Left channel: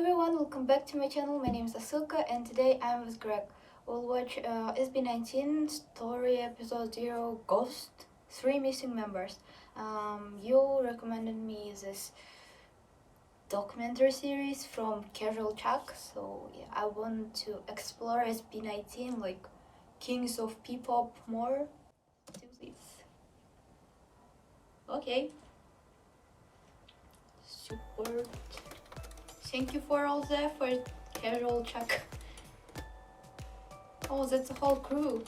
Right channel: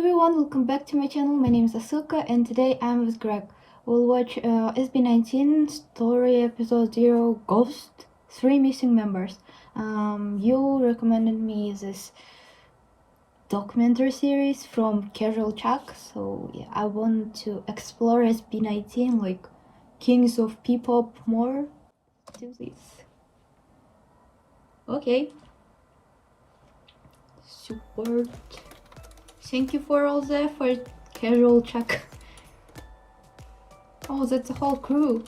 everyone, welcome back to my channel. My name is Asuka and today I'm with Greg. We'll watch SB19 story episode 0 Ghost 3 Missing Members. You recommended me this documentary series from Casual Chuck, so yeah, I want to explore SB19 like Kings of P-pop more. Let's do this. Okay. Support. Thank you for all the effort, Casual Chuck. Oh, that's a whole crew.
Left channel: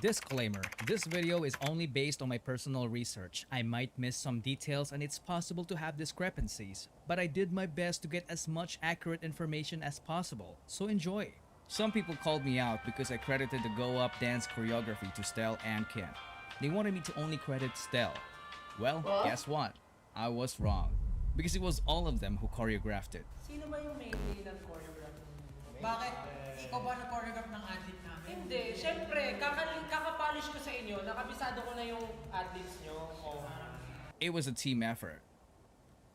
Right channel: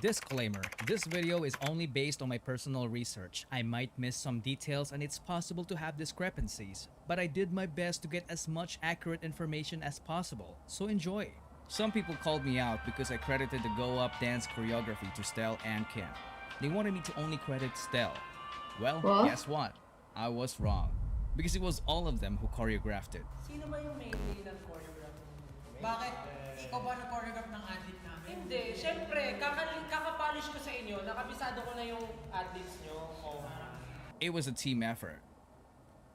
Disclaimer, this video is only based on my personal research. I might miss some details and it's possible to have discrepancies, but I did my best to get as much accurate information as possible, so enjoy. Some people called me out because I credited the Go Up dance choreography to Stell and Kim. They wanted me to only credit Stell. Well, guess what? I was wrong. Because it was all of them who choreographed it. Sino ba yung mainly nag-choreograph? Bakit? Ikaw ba nag-choreograph ng athlete namin? Hindi. Siyempre, kakapolish ko sa inyo. Nakabisado ko na yung athletes nyo. Oh. It was a team effort.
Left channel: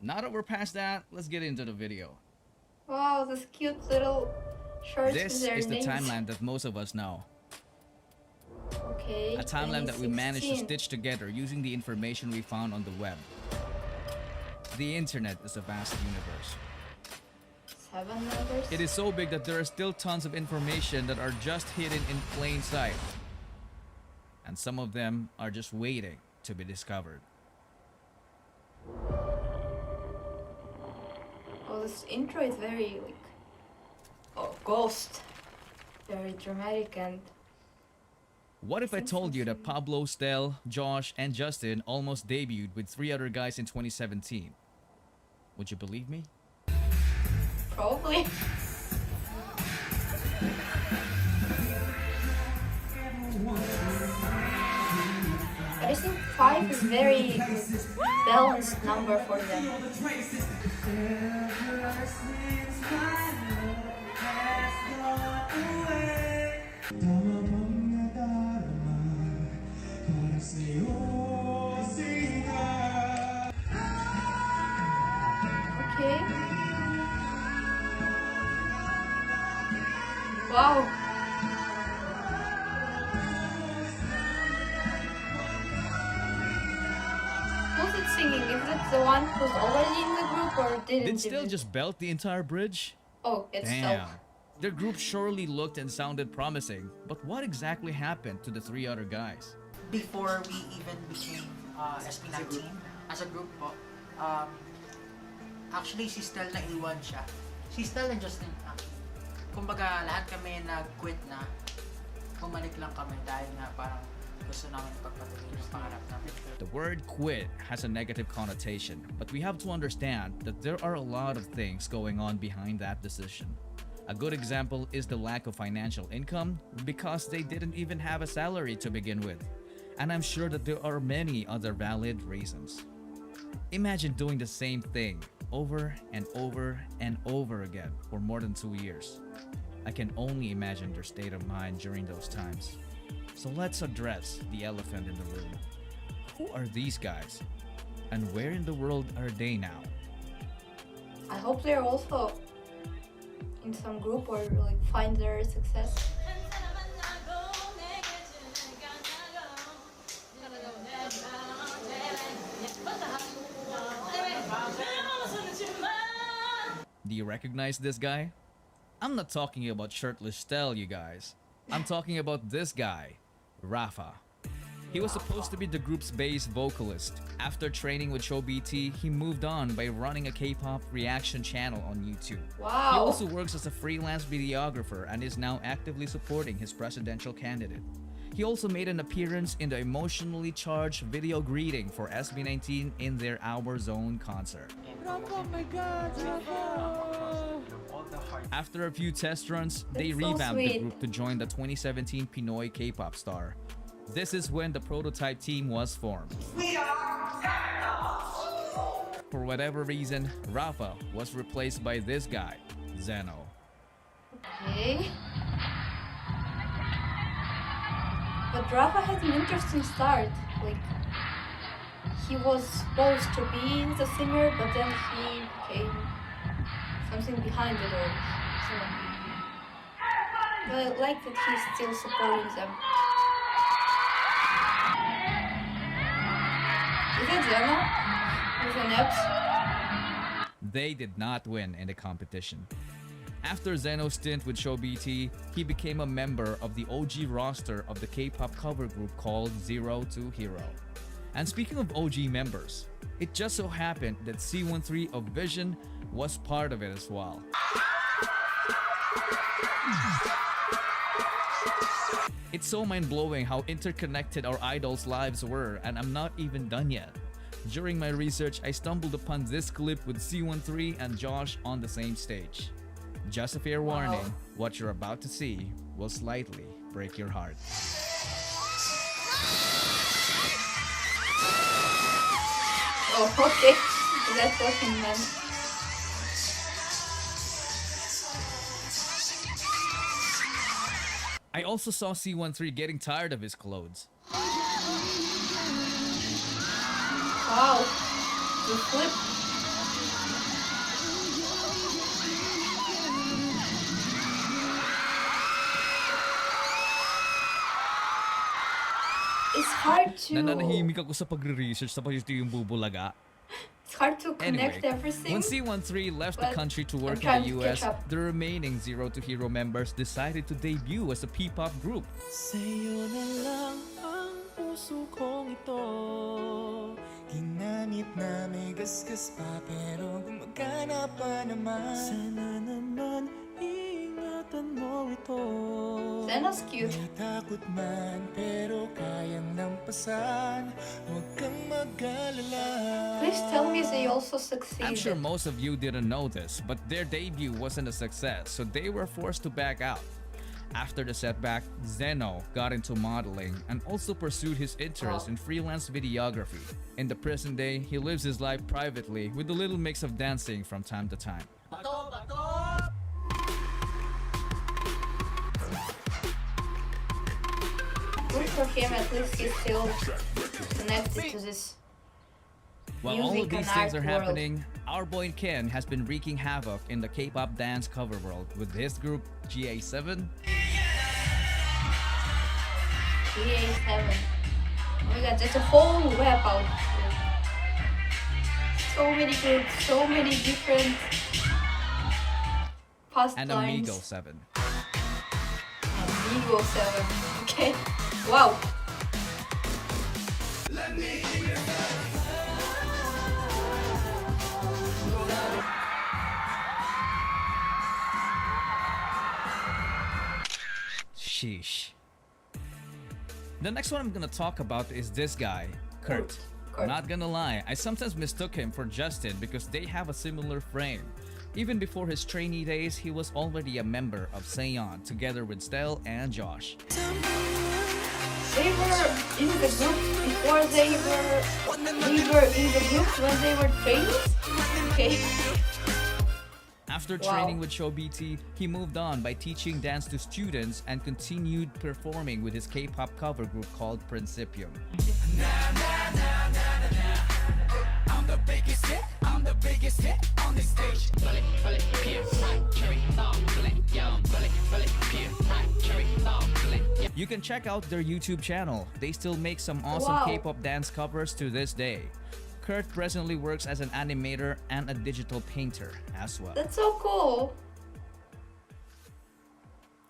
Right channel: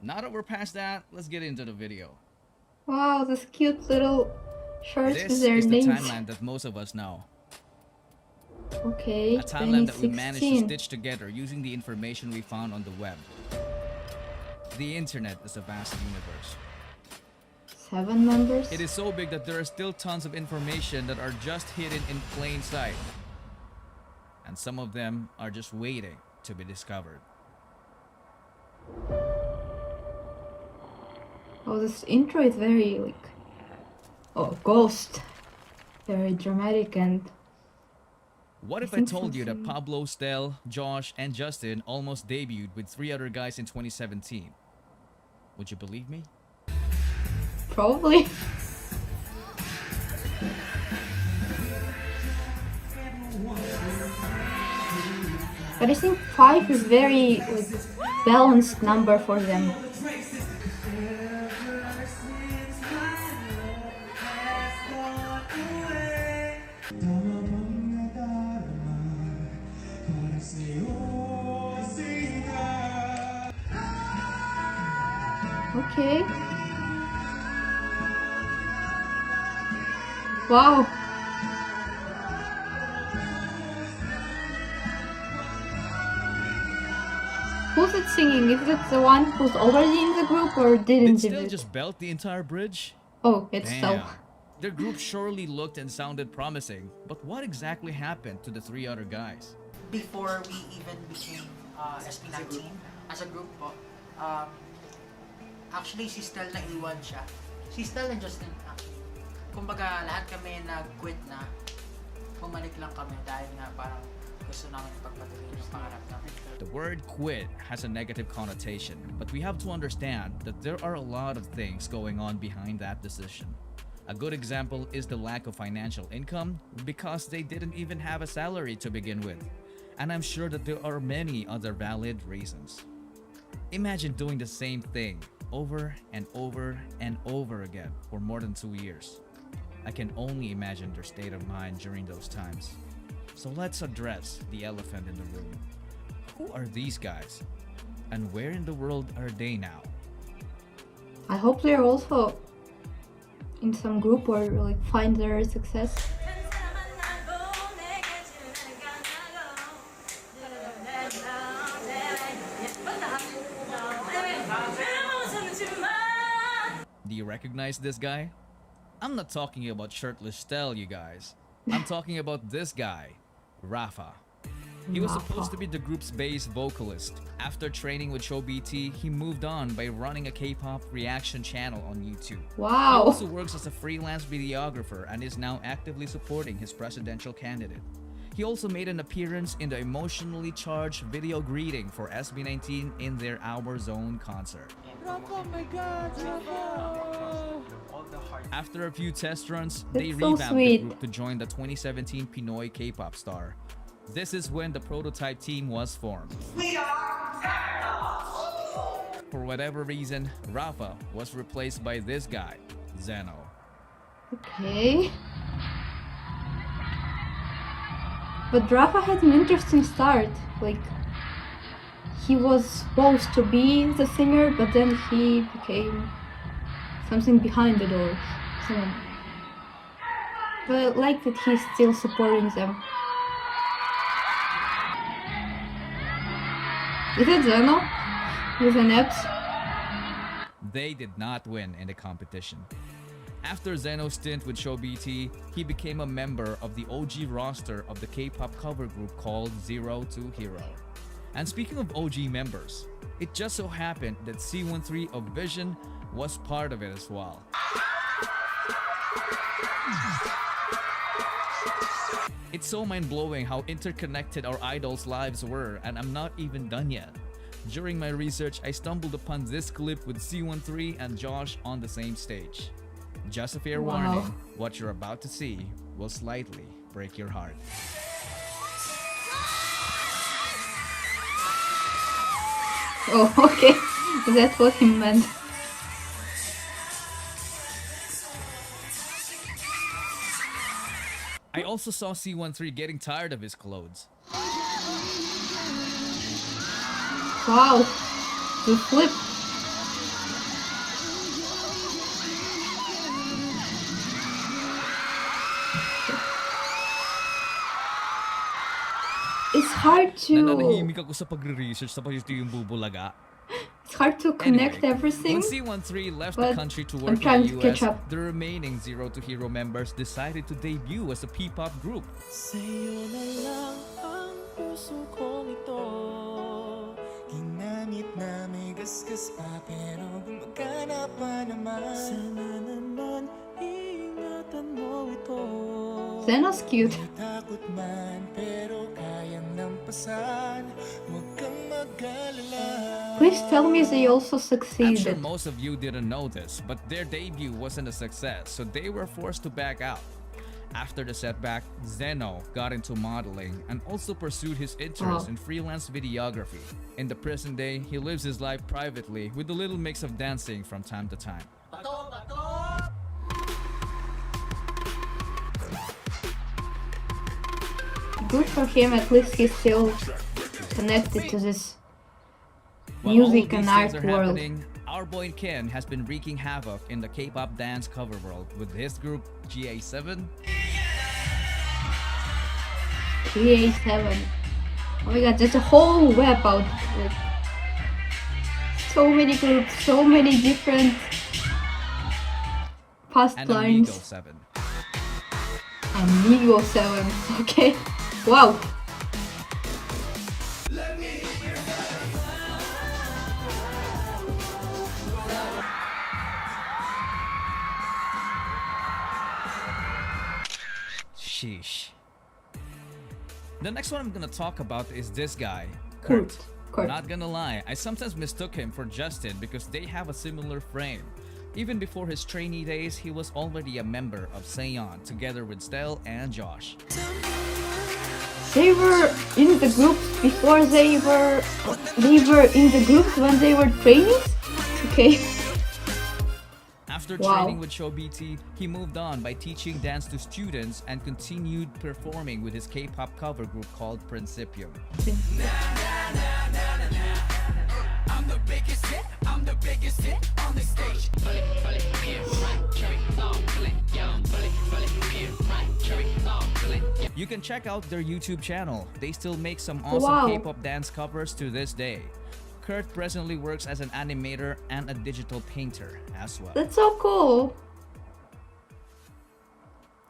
Now that we're past that, let's get into the video. Wow, this cute little shorts with This their is the names. timeline that most of us know. Okay, A timeline that we 2016. managed to stitch together using the information we found on the web. The internet is a vast universe. 7 members? It is so big that there are still tons of information that are just hidden in plain sight. And some of them are just waiting to be discovered. Oh, this intro is very like... Oh, ghost. Very dramatic and... What if I told you that Pablo, Stell, Josh, and Justin almost debuted with 3 other guys in 2017? Would you believe me? Probably. But I think 5 is very like, balanced number for them. Okay. Wow. Who's it singing? Is it the one who's already in the group or didn't? Did Stell just belt the entire bridge? Oh, it's Stell. Damn. Their group surely looked and sounded promising, but what exactly happened to the 3 other guys? Before we even became SB19 as a group po, actually si Stell na iwan siya. Si Stell and Justin actually. Kumbaga lahat kami nag-quit na. Bumalik lang kami dahil nga parang gusto namin ipagpatuloy yung pangarap namin. The word quit has a negative connotation, but we have to understand that there are a lot of things going on behind that decision. A good example is the lack of financial income because they didn't even have a salary to begin with. And I'm sure that there are many other valid reasons. Imagine doing the same thing over and over and over again for more than 2 years. I can only imagine their state of mind during those times. So let's address the elephant in the room. Who are these guys? And where in the world are they now? I hope they're also in some group or like find their success. Do you recognize this guy? I'm not talking about shirtless Stell, you guys. I'm talking about this guy, Rafa. He was supposed to be the group's bass vocalist. After training with Show BT, he moved on by running a K-pop reaction channel on YouTube. Wow. He also works as a freelance videographer and is now actively supporting his presidential candidate. He also made an appearance in the emotionally charged video greeting for SB19 in their Our Zone concert. Oh my God, After a few test runs, they That's so revamped the sweet. group to join the 2017 Pinoy K-pop star. This is when the prototype team was formed. For whatever reason, Rafa was replaced by this guy, Zeno. Okay. But Rafa had an interesting start. Like, he was supposed to be the singer, but then he became something behind the door. So, but I like that he's still supporting them. Is it Zeno with an X? They did not win in the competition. After Zeno's stint with Show BT, he became a member of the OG roster of the K-pop cover group called Zero to Hero. And speaking of OG members, it just so happened that C13 of Vision was part of it as well. It's so mind-blowing how interconnected our idols' lives were, and I'm not even done yet. During my research, I stumbled upon this clip with C13 and Josh on the same stage. Just a fair warning, what you're about to see will slightly break your heart. Oh, okay. That's what he meant. I also saw C13 getting tired of his clothes. Wow. The flip. It's hard to... Nananahimik ako sa pagre-research tapos ito yung bubulaga. It's hard to connect everything. When C13 left the country to work in the US, the remaining Zero to Hero members decided to debut as a P-pop group. Sa'yo na lang ang puso kong ito. Ginamit na may gasgas pa pero gumagana pa naman. Sana naman ingatan mo ito. Zeno's cute. May takot man pero kayang lampasan. Huwag kang mag-alala. Please tell me they also I'm succeeded. sure most of you didn't know this, but their debut wasn't a success, so they were forced to back out. After the setback, Zeno got into modeling and also pursued his interest in freelance videography. In the present day, he lives his life privately with a little mix of dancing from time to time. Good for him, at least he's still connected to this While all of music these and things art are world. happening, our boy Ken has been wreaking havoc in the K-pop dance cover world with his group GA7. GA7. Oh my god, there's a whole web out there. So many groups, so many different And pastimes. Amigo 7. Amigo 7. Okay. Wow. Sheesh. The next one I'm gonna talk about is this guy, Kurt. Kurt. Not gonna lie, I sometimes mistook him for Justin because they have a similar frame. Even before his trainee days, he was already a member of Seon together with Stell and Josh. They were in the group before they were in the group when they were trainees? Okay. After Wow. training with Show BT, he moved on by teaching dance to students and continued performing with his K-pop cover group called Principium. You can check out their YouTube channel. They still make some awesome Wow. K-pop dance covers to this day. Kurt presently works as an animator and a digital painter as well. That's so cool.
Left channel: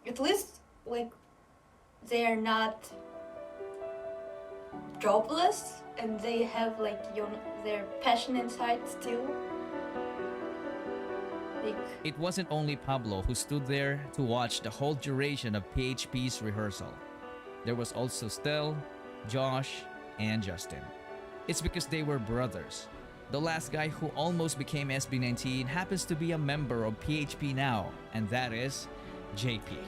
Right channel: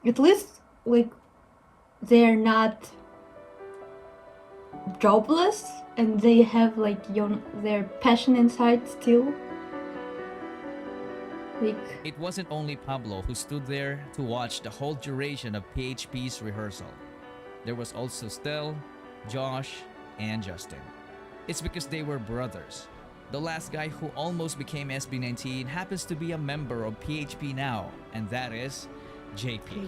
At least, like, they're not jobless and they have, like, their passion inside still. Like, It wasn't only Pablo who stood there to watch the whole duration of PHP's rehearsal. There was also Stell, Josh, and Justin. It's because they were brothers. The last guy who almost became SB19 happens to be a member of PHP now, and that is JP.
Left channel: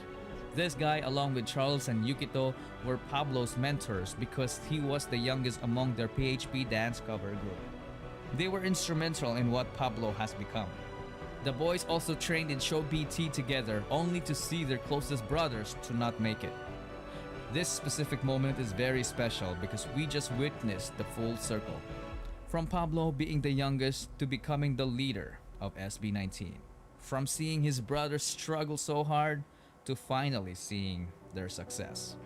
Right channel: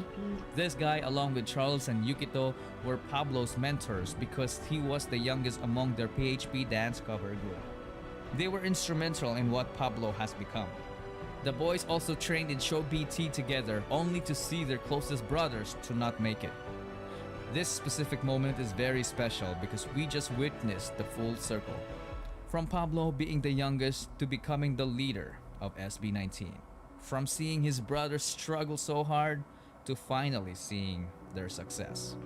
This guy, along with Charles and Yukito, were Pablo's mentors because he was the youngest among their PHP dance cover group. They were instrumental in what Pablo has become. The boys also trained in Show BT together only to see their closest brothers to not make it. This specific moment is very special because we just witnessed the full circle. From Pablo being the youngest to becoming the leader of SB19. From seeing his brothers struggle so hard to finally seeing their success.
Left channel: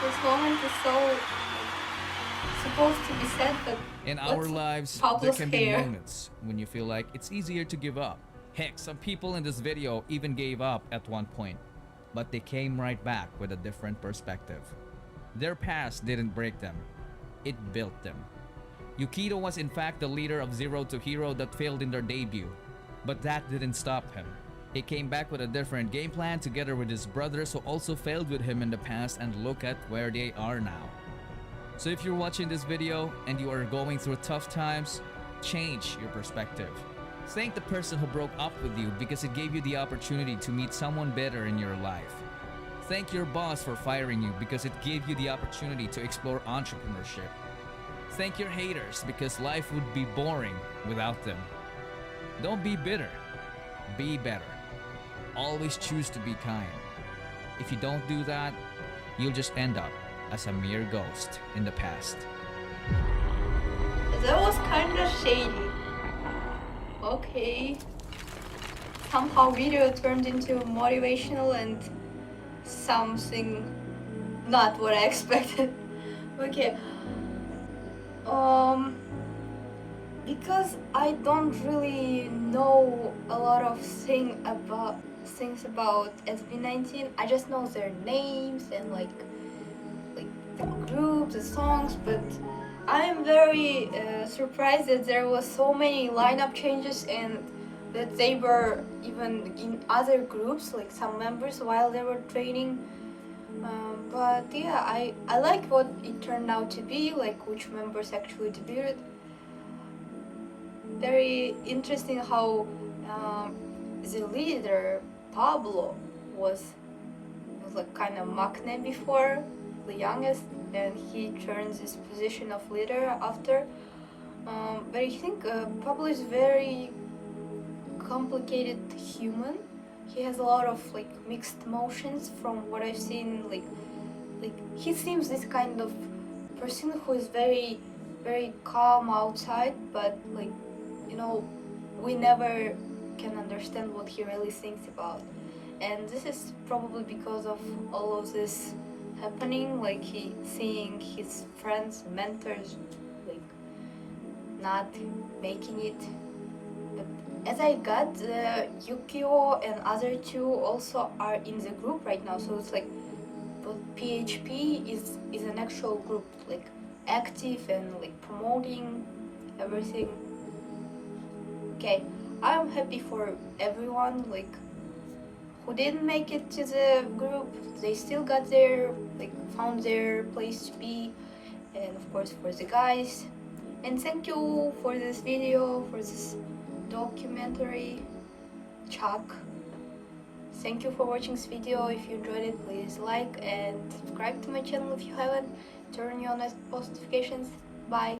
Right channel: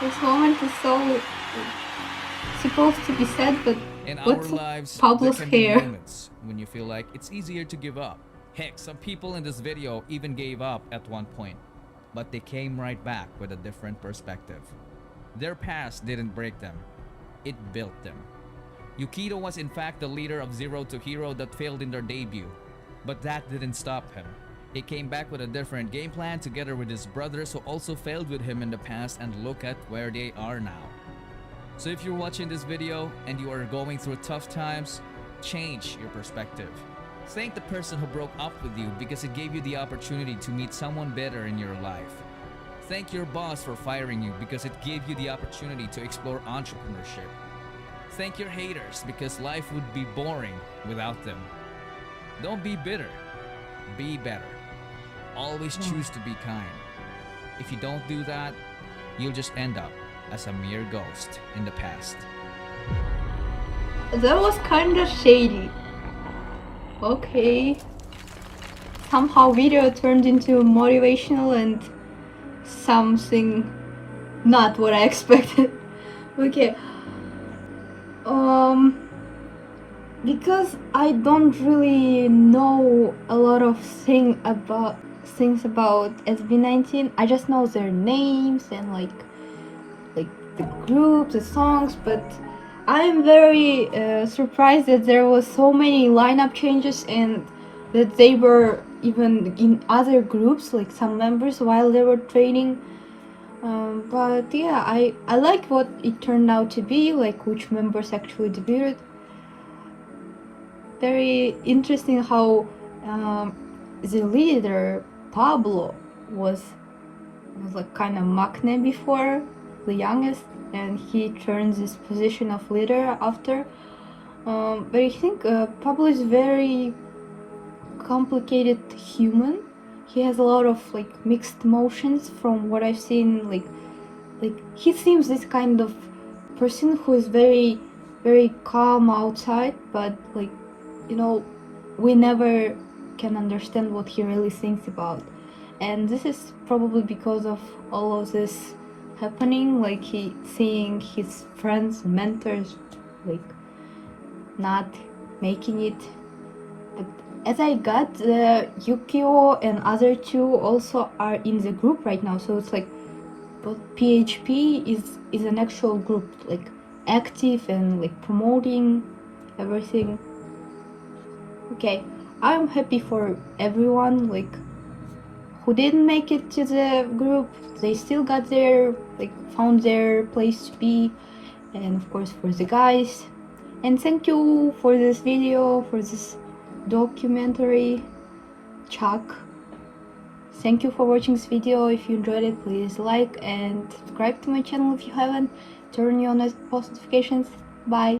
This moment is so supposed to be sad, but In what's our lives, Pablo's there can be hair? moments when you feel like it's easier to give up. Heck, some people in this video even gave up at one point, but they came right back with a different perspective. Their past didn't break them, it built them. Yukito was in fact the leader of Zero to Hero that failed in their debut, but that didn't stop him. He came back with a different game plan together with his brothers who also failed with him in the past, and look at where they are now. So if you're watching this video and you are going through tough times, change your perspective. Thank the person who broke up with you because it gave you the opportunity to meet someone better in your life. Thank your boss for firing you because it gave you the opportunity to explore entrepreneurship. Thank your haters because life would be boring without them. Don't be bitter. Be better. Always choose to be kind. If you don't do that, you'll just end up as a mere ghost in the past. That was kind of shady. Okay. Somehow video turned into motivational and something not what I expected. Okay. Because I don't really know a lot of things about SB19. I just know their names and like the groups, the songs, but I'm very surprised that there was so many lineup changes and that they were even in other groups, like some members while they were training. But yeah, I like what it turned out to be, like which members actually debuted. Very interesting how the leader Pablo was like kind of maknae before, the youngest, and he turns this position of leader after. But I think Pablo is very complicated human. He has a lot of like mixed emotions from what I've seen. Like he seems this kind of person who is very calm outside, but like, you know, we never can understand what he really thinks about. And this is probably because of all of this happening, like he seeing his friends, mentors, like not making it. But as I got, Yukio and other two also are in the group right now, so it's like, but PHP is an actual group, like active and like promoting everything. Okay, I'm happy for everyone like who didn't make it to the group. They still got their, like, found their place to be, and of course for the guys. And thank you for this video, for this documentary, Chuck. Thank you for watching this video. If you enjoyed it, please like and subscribe to my channel if you haven't. Turn on post notifications. Bye.